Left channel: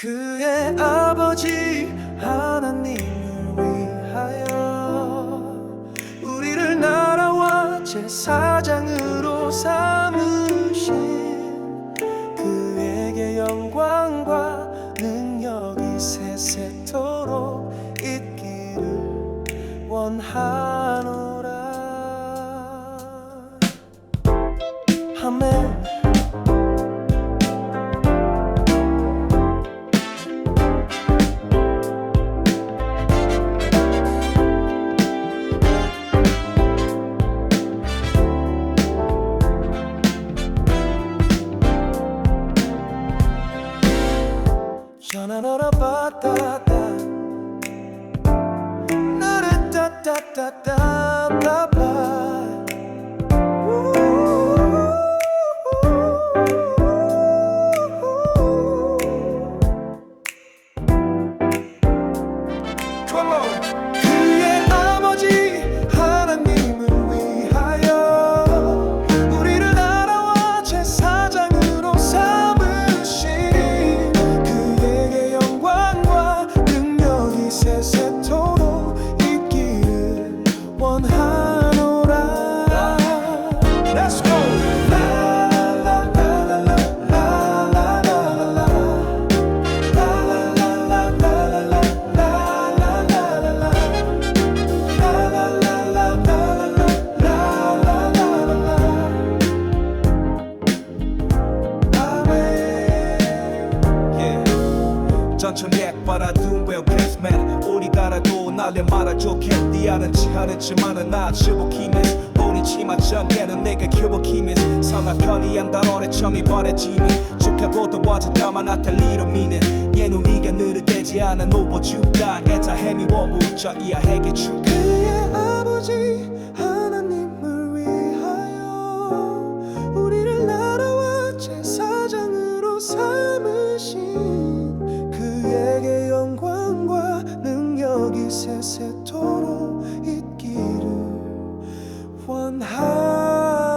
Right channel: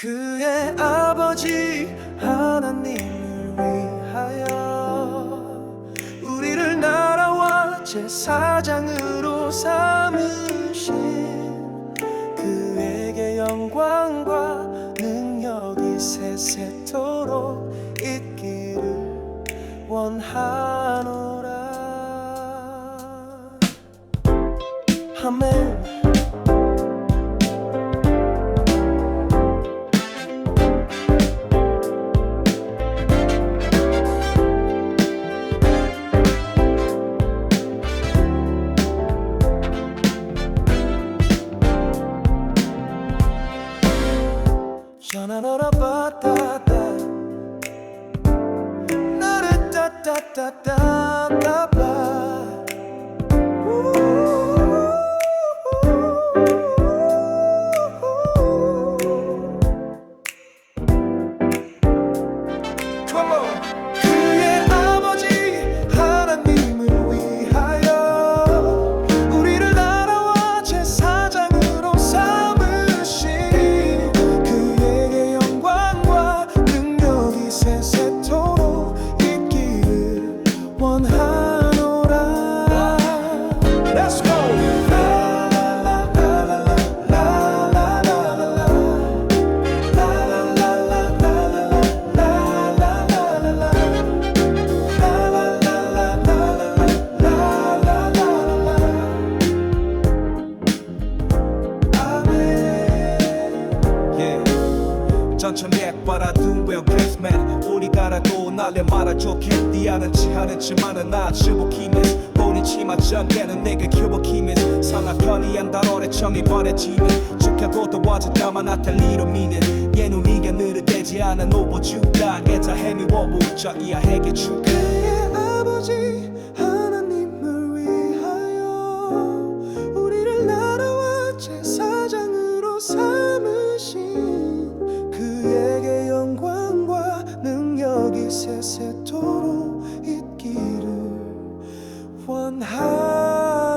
그의 아버지 하나님을 위하여 우리를 나라와 제사장으로 삼으신 그에게 영광과 능력이 세세토록 있기를 원하노라. 아멘 바다다 나를 따따따따따바 Come on. 하노라 Let's go! 전천백 바라둔 well guess man 우리가라도 날려 말아줘 캔디 아는지 하는지만은 나 슈버키미스. 본인 치마 전개는 내게 큐버키미스. 상하 편이한 단어의 정이 버려지는 축하고 도와줘 다만 나탈 리로 미는. 예눈이가 느르되지 않아 노보주다. 애자 해미워 부자 이하에게 주 그의 아버지 여기 세세도록 있기를 원하